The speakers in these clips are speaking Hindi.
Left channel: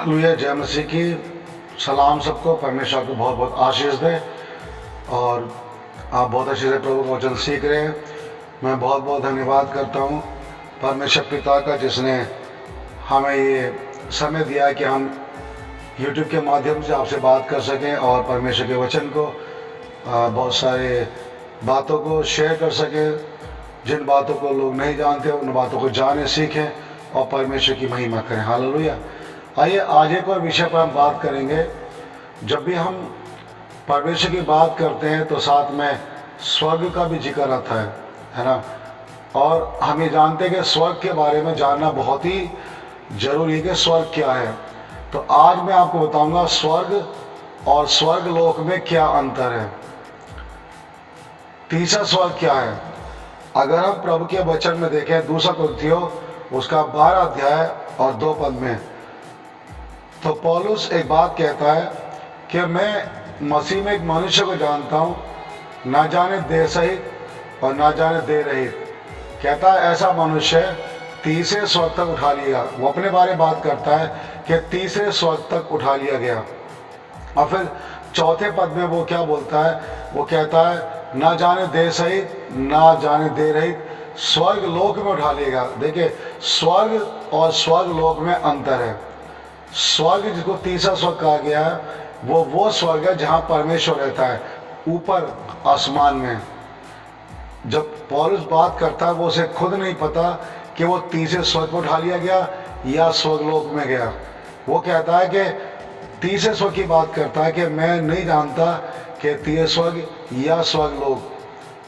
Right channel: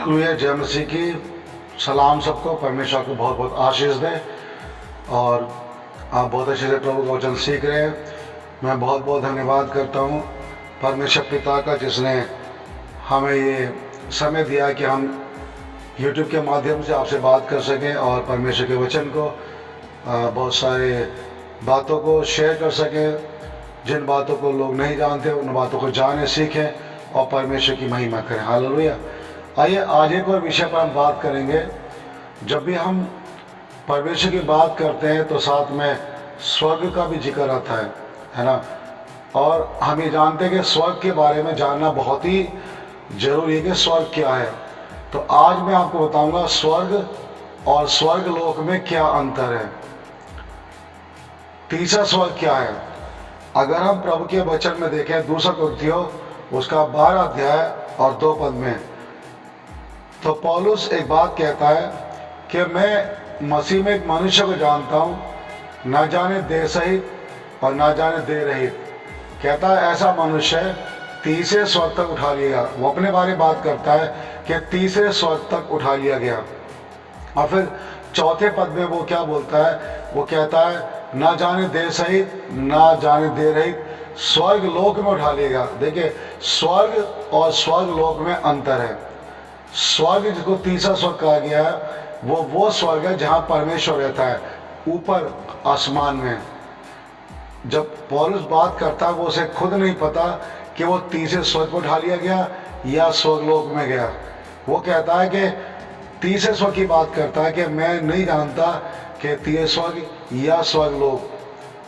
हालेलुया, जय मसीह की। सलाम सबको, परमेश्वर को बहुत बहुत आशीष दे। और आप बहुत अच्छे से प्रभु का वचन सीख रहे हैं। मैं बहुत बहुत धन्यवाद करता हूँ परमेश्वर पिता का, जिसने हमें ये समय दिया कि हम यूट्यूब के माध्यम से आपसे बात कर सकें और परमेश्वर के वचन को बहुत सारे बातों को शेयर कर सकें। जिन बातों को लोग नहीं जानते उन बातों को जाने, सीखें और परमेश्वर की महिमा करें। हालेलुया। आइए आज एक और विषय पर हम बात करेंगे। जब भी हम परमेश्वर की बात करते हैं तो साथ में स्वर्ग का भी जिक्र आता है ना। और हम ये जानते हैं कि स्वर्ग के बारे में जानना बहुत ही ज़रूरी है कि स्वर्ग क्या है। तो आज मैं आपको बताऊंगा स्वर्ग और स्वर्ग लोक में क्या अंतर है, तीसरा स्वर्ग क्या है। अगर हम प्रभु के वचन में देखें, दूसरा कुरिन्थियों उसका 12 अध्याय और 2 पद में, तो पौलुस एक बात कहता है कि मैं मसीह में एक मनुष्य को जानता हूँ, ना जाने देह सहित और ना जाने देह रहित। कहता है ऐसा मनुष्य तीसरे स्वर्ग तक उठा लिया गया। वो अपने बारे में बात करता है कि तीसरे स्वर्ग तक उठा लिया गया। और फिर चौथे पद में वो क्या बोलता है, वो कहता है ना जाने देह सहित ना जाने देह रहित स्वर्ग लोक में उठा लिया गया। देखिए, स्वर्ग और स्वर्ग लोक में अंतर है। स्वर्ग जिसको तीसरा स्वर्ग कहा गया है वो स्वर्ग है जहाँ परमेश्वर रहता है, ऊपर आसमान में। जब पौलुस बात करता है वो उसे खुद नहीं पता कि वो तीसरे स्वर्ग पर उठा लिया गया या स्वर्गलोक में गया। वो कहता है कि तीसरे स्वर्ग की बात करता है कि मैं नहीं जानता कि तीसरे स्वर्ग या स्वर्गलोक,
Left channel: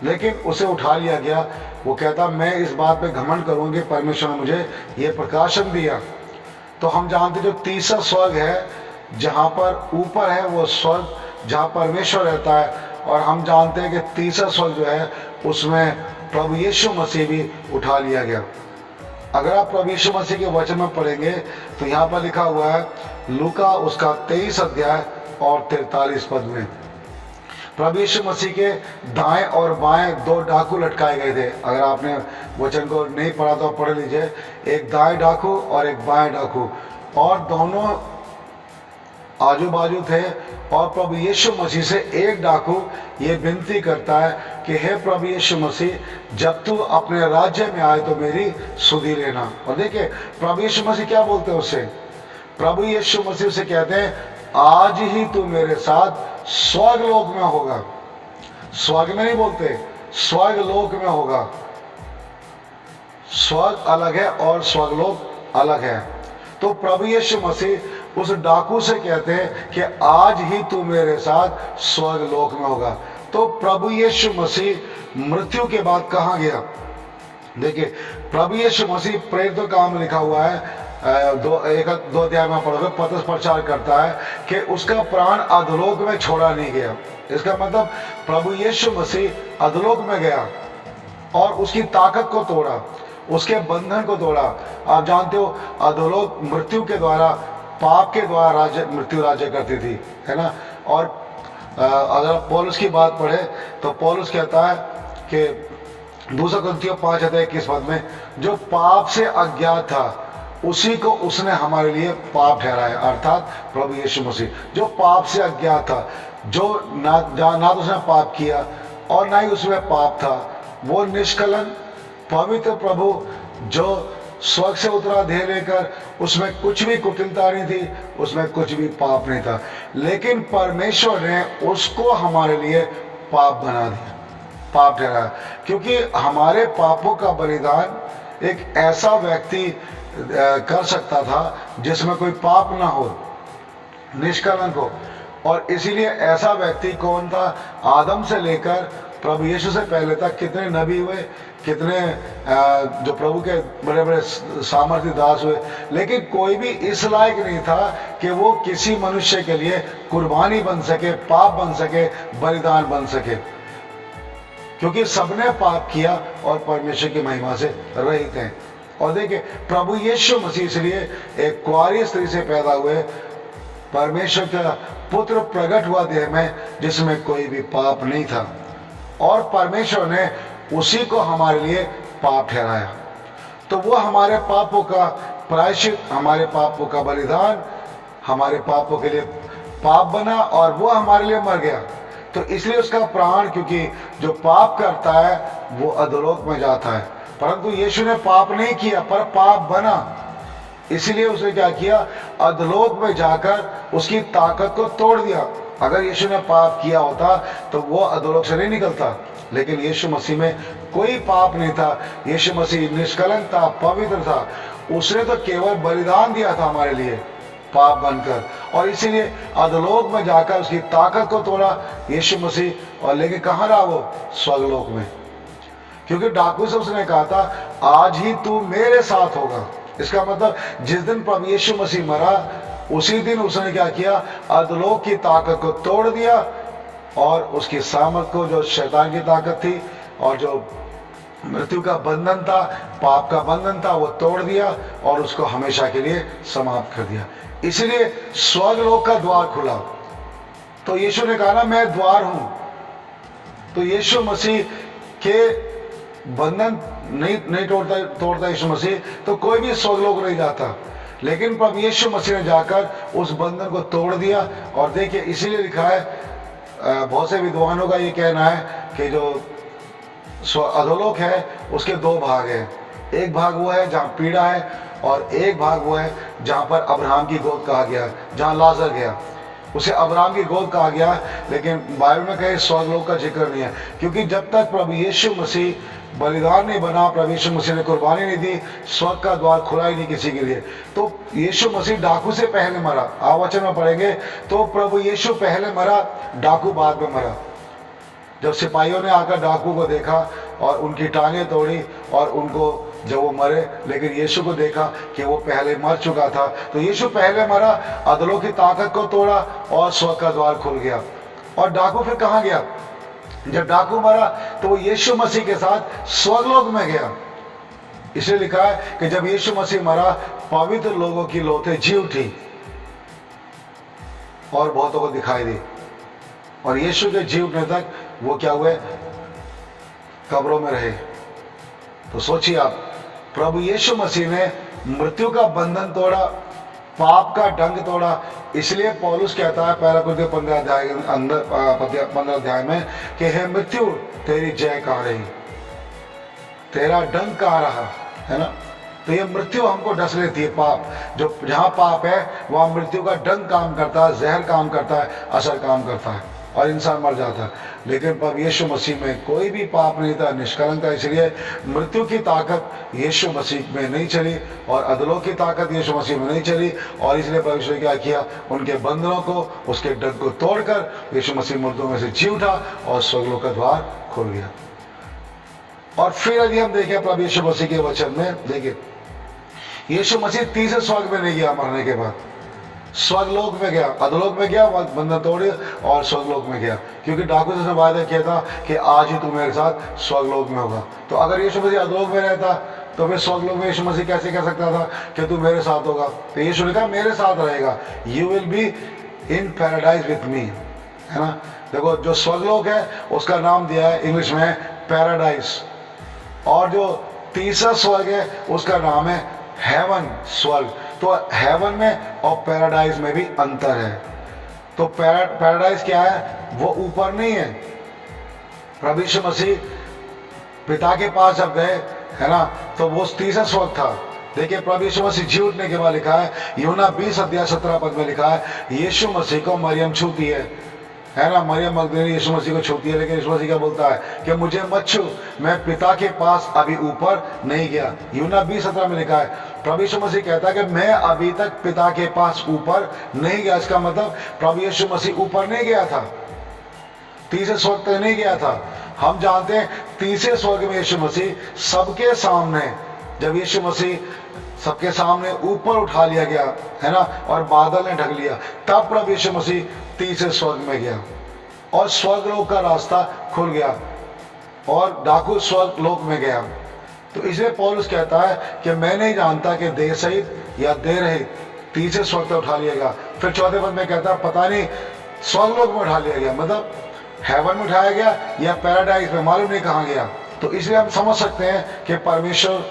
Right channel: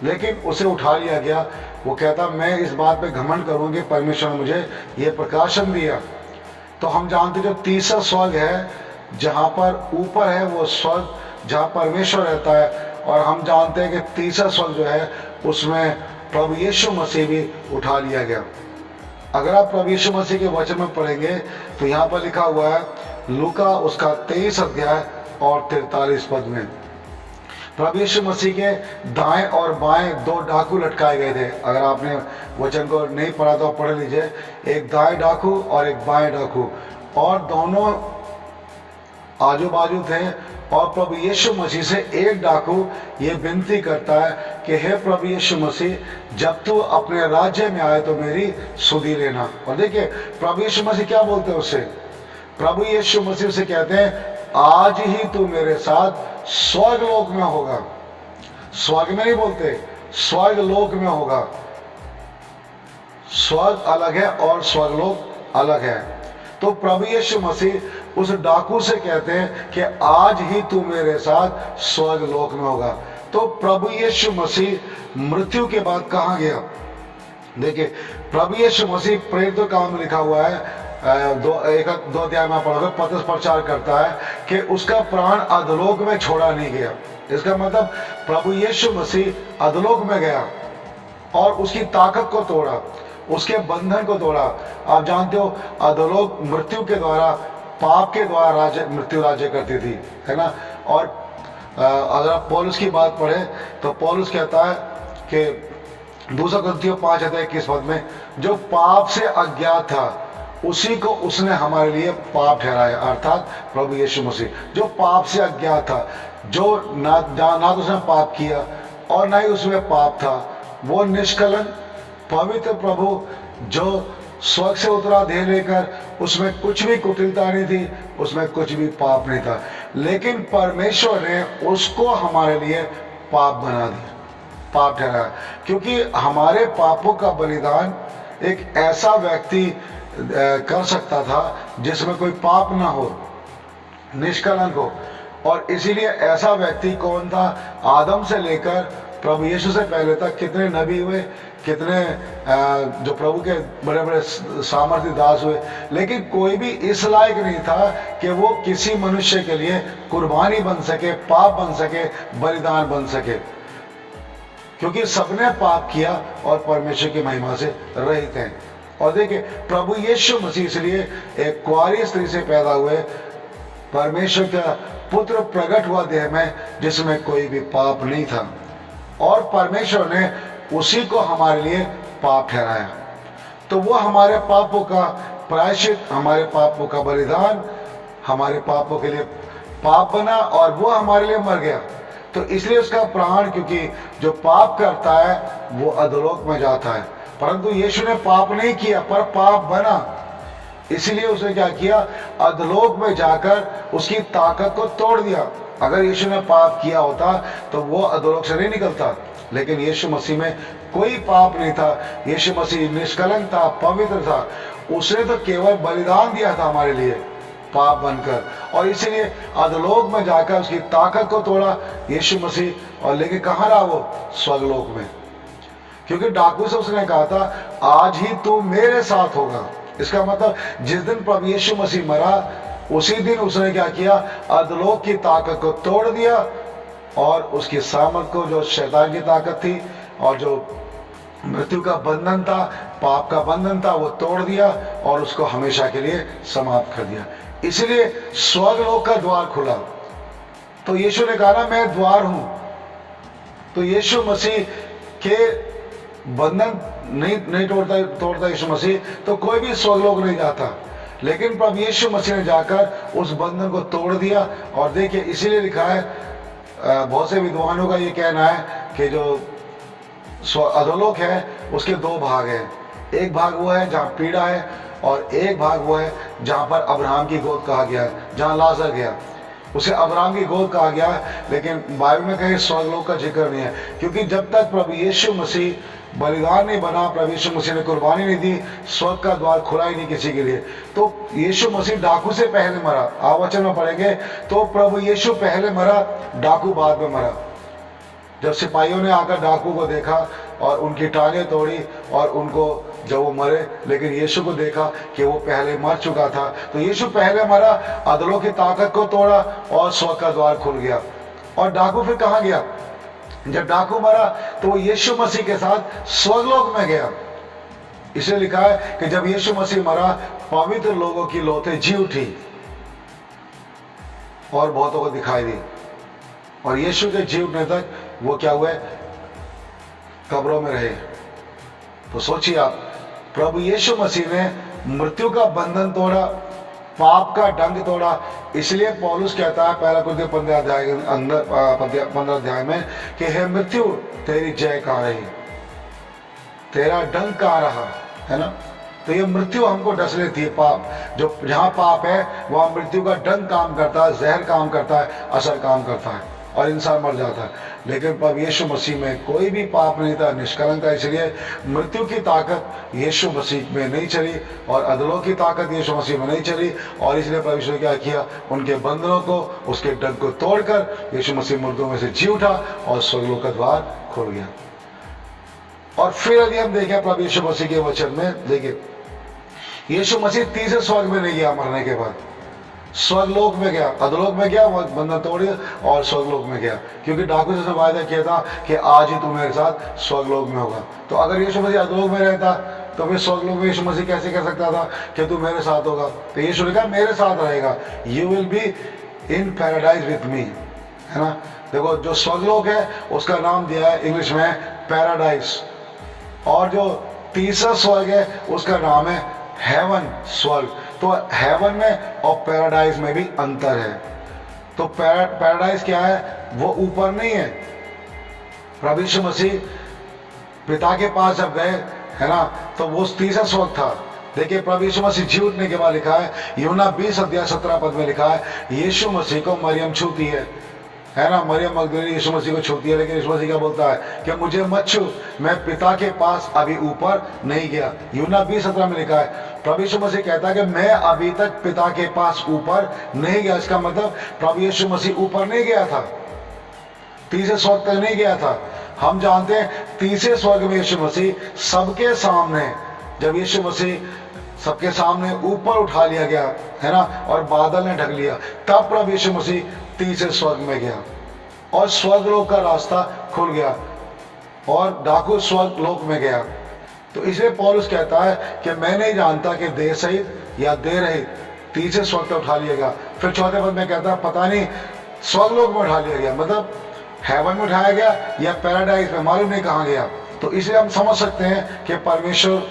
लेकिन उसे उठा लिया गया। वो कहता मैं इस बात पे घमंड करूँगी, परमेश्वर ने मुझे ये प्रकाशन दिया। तो हम जानते जो तीसरा स्वर्ग है जहाँ पर ऊपर है वो स्वर्ग जहाँ परमेश्वर रहता है। और हम जानते हैं कि तीसरा स्वर्ग जो है उसमें प्रभु यीशु मसीह भी उठा लिया गया। अगर आप प्रभु यीशु मसीह के वचन में पढ़ेंगे तो यहाँ पर लिखा हुआ है लूका उसका 23 अध्याय और 43 पद में, प्रभु यीशु मसीह के दाएं और बाएं 2 डाकू लटकाए गए थे। अगर आपने वचन को नहीं पढ़ा तो पढ़ लीजिए। एक दाएं डाकू और एक बाएं डाकू, और दोनों आजू बाजू थे। और प्रभु यीशु मसीह से एक डाकू ये विनती करता है कि हे प्रभु यीशु मसीह, जब तू अपने राज्य में आए तो मेरी सुधि लेना। और देखिए प्रभु यीशु मसीह क्या बोलते हैं उससे, प्रभु यीशु मसीह से कहते हैं आज ही तू मेरे साथ स्वर्ग लोक में होगा। स्वर्ग में नहीं बोलते, स्वर्ग लोक में होगा। स्वर्ग अलग है और स्वर्गलोक अलग है। तो प्रभु यीशु मसीह उस डाकू से कहते हैं कि आज ही तू मेरे साथ स्वर्ग लोक में होगा। तो प्रभु यीशु मसीह मृत्यु के बाद कहाँ गया? देखिए, प्रभु यीशु मसीह प्रेरितों का काम लिखा हुआ है, दो अध्याय में पढ़ोगे, पतरस प्रचार करता है कि उसका प्राण अधोलोक में छोड़ा नहीं गया। इसका मतलब प्रभु यीशु मसीह अधोलोक में गया और उसकी ताकत को तोड़ा, उसके बंधन को तोड़ा। आप जानते हो अधोलोक मृत्यु के द्वारा, पाप के द्वारा मृत्यु राज्य करती थी, है ना। और अगर आप पौलुस की बात पढ़े तो पौलुस कहता है कि दूसरा कुरिन्थियों 5 अध्याय 21 पद में, जो पाप से अज्ञात था उसी को उसने हमारे लिए पाप ठहराया। अर्थात प्रभु यीशु मसीह जो पाप से अज्ञात था, जो ना तो उसने पाप किया और ना ही उसमें पाप था, वो निष्कलंक पवित्र प्रभु जो स्वर्ग से उतरा देह लेकर, उसमें कुछ भी कुटिलता नहीं थी, उसमें कुछ भी पाप नहीं था, लेकिन परमेश्वर ने उसको हमारे लिए पाप बना दिया, पाप ठहराया। क्योंकि हमारे पापों का बलिदान एक ऐसा व्यक्ति कर सकता था जिसमें कोई पाप ना हो, निष्कलंक हो। और इसीलिए ऐसा व्यक्ति कौन था? आदम से लेकर प्रभु यीशु से पहले तक कितने नबी हुए, कितने जो प्रभु के बड़े बड़े सामर्थ्य दास हुए, लेकिन कोई भी इस लायक नहीं था कि वो किसी मनुष्य के लिए कुर्बानी बन सके, पाप बन सके, बलिदान बन सके, क्योंकि सबने पाप किया और परमेश्वर की महिमा से रहित हैं। और देखिए प्रभु यीशु मसीह इसलिए एक कुंवारी स्त्री से पैदा हुए, परमेश्वर का पुत्र प्रकट हुआ देह में, जिसमें कोई भी पाप नहीं था, और परमेश्वर ने उसी को हमारे लिए पाप ठहराया। तो वो हमारे पापों का प्रायश्चित, हमारे पापों का बलिदान हमारे पापों के लिए पाप बना और वो हमारे लिए मर गया। तो इसलिए उसका प्राण, क्योंकि जो पाप करता है वो अधोलोक में जाता है, परंतु यीशु ने पाप नहीं किया पर पाप बना, इसलिए उसने क्या किया, अधोलोक में जाकर उसकी ताकत को तोड़ दिया। अगर यीशु ने पाप किया होता तो वो अधोलोक से नहीं निकलता, लेकिन यीशु मसीह में कोई पाप नहीं था। यीशु मसीह निष्कलंक था, पवित्र था। उसने तो केवल बलिदान दिया था हमारे लिए पाप बनकर, और इसीलिए अधोलोक में जाकर उसकी ताकत को तोड़ा यीशु मसीह, और लेके कहाँ रहा वो, स्वर्गलोक में। क्योंकि डाकू से उसने कहा था आज ही तू मेरे साथ होगा। इसका मतलब जिस दिन प्रभु यीशु मसीह मरा उसी दिन उसने क्या किया, अधोलोक की ताकत को तोड़ दिया और उसकी सामर्थ को, जो शैतान की ताकत थी और जो मृत्यु का बंधन था, पाप का बंधन था, वो तोड़ दिया और उसको हमेशा के लिए समाप्त कर दिया। इसलिए स्वर्गलोक का द्वार खुला। तो यीशु ने कहा ना, मैं द्वार हूं। तो यीशु मसीह के बंधन नहीं तोड़ता यीशु मसीह, तो कोई भी स्वर्गलोक नहीं जाता। लेकिन प्रभु यीशु मसीह ने जाकर उस बंधन को तोड़ दिया। और देखिए इसीलिए लिखा है, बहुत से विद्वानों का ये कहना है कि जो अधोलोक है उसके दो भाग हैं। एक भाग वो है जहाँ पीड़ा है, और एक भाग वो है जहाँ पर अब्राहम की गोद कहा गया है, जहाँ लाजर गया उसे अब्राहम की गोद कहा गया है। लेकिन बाइबल में कहीं स्वर्गलोक का जिक्र नहीं है, क्योंकि जब तक प्रभु यीशु मसीह बलिदान नहीं बना, प्रभु यीशु मसीह ने कुर्बानी नहीं दी, स्वर्ग का द्वार खुला ही नहीं किसी के लिए। तो यीशु मसीह डाकू से पहले मरा। आप वचन में पढ़ेंगे तो प्रभु यीशु पहले मरा, डाकू बाद में मरा। जब सिपाहियों ने आकर डाकू को देखा और उनकी टांगें तोड़ी और उनको जब वो मरे, लेकिन यीशु को देखा कि वो पहले मर चुका था, तो यीशु पहले मरा, अधोलोक की ताकत को तोड़ा और स्वर्ग का द्वार खुल गया। और डाकू फिर कहाँ गया? जब डाकू मरा तो वो यीशु मसीह के साथ स्वर्गलोक में गया। इसे लिखा है कि जब यीशु मसीह मरा, पवित्र लोगों की लोथें जी उठी और बहुतों को दिखाई दी, और यीशु के जी उठने तक वो क्या हुए, कब्रों में रहे। तो सोचिए आप, प्रभु यीशु मसीह ने मृत्यु का बंधन तोड़ा, पाप का डंक तोड़ा। इसलिए पौलुस कहता है पहला कुरिन्थियों 15 अध्याय के अंदर 15 अध्याय में कि हे मृत्यु तेरी जय कहाँ रही, तेरा डंक कहाँ रहा, है ना। तो ये मृत्यु हमको डस लेती है। पाप, जो जहाँ पाप है वहाँ मृत्यु का डंक काम करता है, जहर काम करता है, असर काम करता है और इंसान मर जाता है। लेकिन प्रभु यीशु मसीह में कोई भी पाप नहीं था, निष्कलंक था। इसलिए मृत्यु की ताकत यीशु मसीह में नहीं चली और अधोलोक की ताकत यीशु मसीह में नहीं चली। और इसलिए प्रभु यीशु ने क्या किया, उनके बंधनों को, उसके डंक को तोड़कर यीशु मसीह मुर्दों में से जी उठा और स्वर्गलोक का द्वार खुल गया। और फिर यदि हम देखें प्रभु यीशु मसीह के वचन में, देखिए यीशु मसीह तीसरे स्वर्ग में नहीं गया, मरने के बाद स्वर्गलोक में गया, अधोलोक में गया, बंधन तोड़िया और स्वर्गलोक में गया। क्योंकि डाकू से उसने वायदा किया था कि आज ही तू मेरे साथ स्वर्गलोक में होगा। तो अगर यीशु मसीह अधोलोक में रहता तो फिर स्वर्गलोक में यीशु मसीह कैसे कह सकता था कि तू मेरे साथ होगा? तो यीशु ने कहा मेरे साथ रहेगा, you will be in paradise with me, है ना। देखो जो स्वर्गलोक है उसका नाम दिया है इंग्लिश में पैराडाइज, और जो तीसरा स्वर्ग है उसका नाम है हेवन, स्वर्ग। तो हेवन में और पैराडाइज में भी अंतर है। तो पैराडाइज क्या है, वो यूपर नहीं है। प्रभु यीशु मसीह पिता के पास जब गए, है ना, तो वो तीसरा स्वर्ग था। देखिए प्रभु यीशु मसीह जी उठने के बाद लिखा है, यूहन्ना 20 अध्याय 17 पद में लिखा है, यीशु मसीह को मरियम छूती है ना। मरियम मगदलीनी यीशु मसीह को छूती है, लेकिन यीशु मसीह क्या बोलता है कि मुझे मत छू, मैं पिता के पास अभी ऊपर नहीं गया। यूहन्ना 20:17 में लिखा है, प्रभु यीशु मसीह कहता है कि मैं अभी तक पिता के पास ऊपर नहीं गया। इसका मतलब प्रभु यीशु मसीह ऊपर नहीं गया था, तीसरे स्वर्ग तक नहीं गया था। हम जानते हैं तीसरे स्वर्ग में यीशु मसीह सबके सामने, जब यीशु मसीह सबके सामने ऊपर उठा लिया गया, है ना, और बादल ने ढक लिया, तब प्रभु यीशु मसीह तीसरे स्वर्ग में गया और स्वर्गलोक का रास्ता खुल गया और डाकू स्वर्गलोक में गया। तो इसलिए पौलुस कहता है कि मैं नहीं जानता कि देह सहित या देह रहित तीसरे स्वर्ग तक उठा लिया गया। फिर चौथे पद में कहता है पता नहीं स्वर्गलोक में उठा लिया गया, मतलब हेवन में उठाया गया या पैराडाइज में, मालूम नहीं कहाँ गया। तो इसलिए हम समझ सकते हैं कि परमेश्वर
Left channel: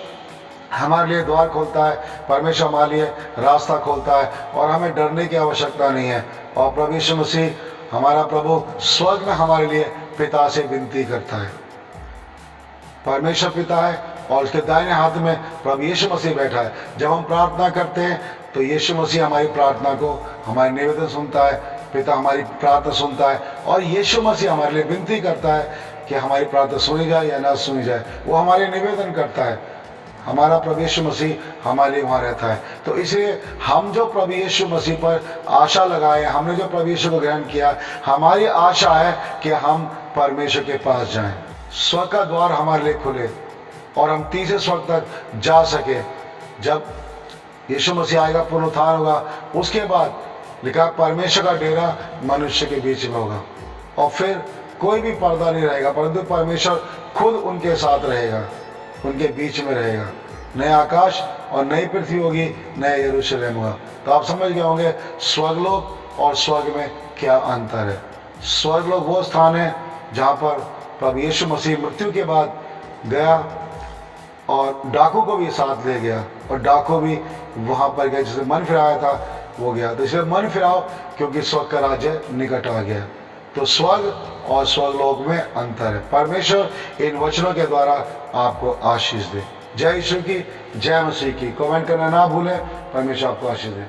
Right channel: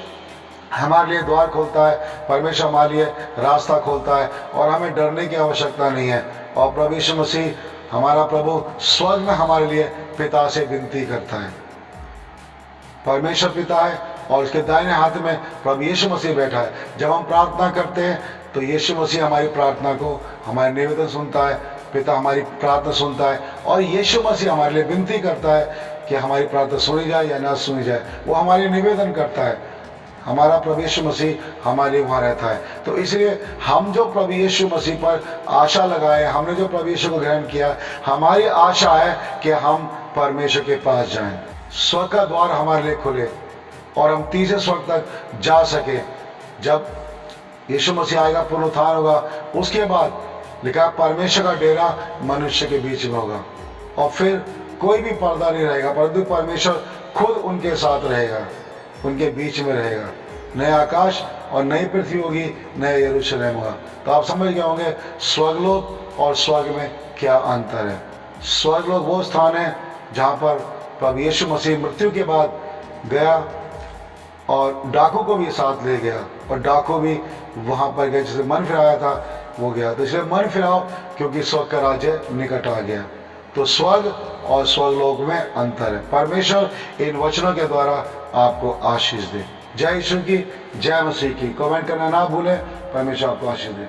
हमारे लिए द्वार खोलता है, परमेश्वर हमारे लिए रास्ता खोलता है और हमें डरने की आवश्यकता नहीं है। और प्रभु यीशु मसीह हमारा प्रभु स्वर्ग में हमारे लिए पिता से विनती करता है। परमेश्वर पिता है और उसके दाहिने हाथ में प्रभु यीशु मसीह बैठा है। जब हम प्रार्थना करते हैं तो यीशु मसीह हमारी प्रार्थना को, हमारे निवेदन सुनता है, पिता हमारी प्रार्थना सुनता है और यीशु मसीह हमारे लिए विनती करता है कि हमारी प्रार्थना सुनी जाए या ना सुनी जाए, वो हमारे निवेदन करता है। हमारा प्रभु यीशु मसीह हमारे लिए वहाँ रहता है। तो इसलिए हम जो प्रभु यीशु मसीह पर आशा लगाए, हमने जो प्रभु यीशु को ग्रहण किया, हमारी आशा है कि हम परमेश्वर के पास जाएं, स्वर्ग का द्वार हमारे लिए खुले और हम तीसरे स्वर्ग तक जा सके। जब यीशु मसीह आएगा, पुनरुत्थान होगा, उसके बाद लिखा परमेश्वर का डेरा मनुष्य के बीच में होगा और फिर कोई भी पर्दा नहीं रहेगा, परंतु परमेश्वर खुद उनके साथ रहेगा, उनके बीच में रहेगा। नया आकाश और नई पृथ्वी होगी, नया यरूशलेम होगा। तो आप समझ गए होंगे स्वर्गलोक और स्वर्ग में क्या अंतर है। स्वर्गलोक वो स्थान है जहाँ पर प्रभु यीशु मसीह मृत्यु के बाद गया और डाकू को भी साथ ले गया और डाकू भी वहाँ पर गया, जिसे मन फिराया था वो गया। तो इसलिए मन फिराओ क्योंकि स्वर्ग का राज्य निकट आ गया। तो स्वर्ग और स्वर्गलोक में अंतर है। परमेश्वर इन वचनों के द्वारा आपको आशीष दे। जय यीशु की, जय मसीह की। कमेंट करना ना भूलें। परमेश्वर आपको आशीष दे।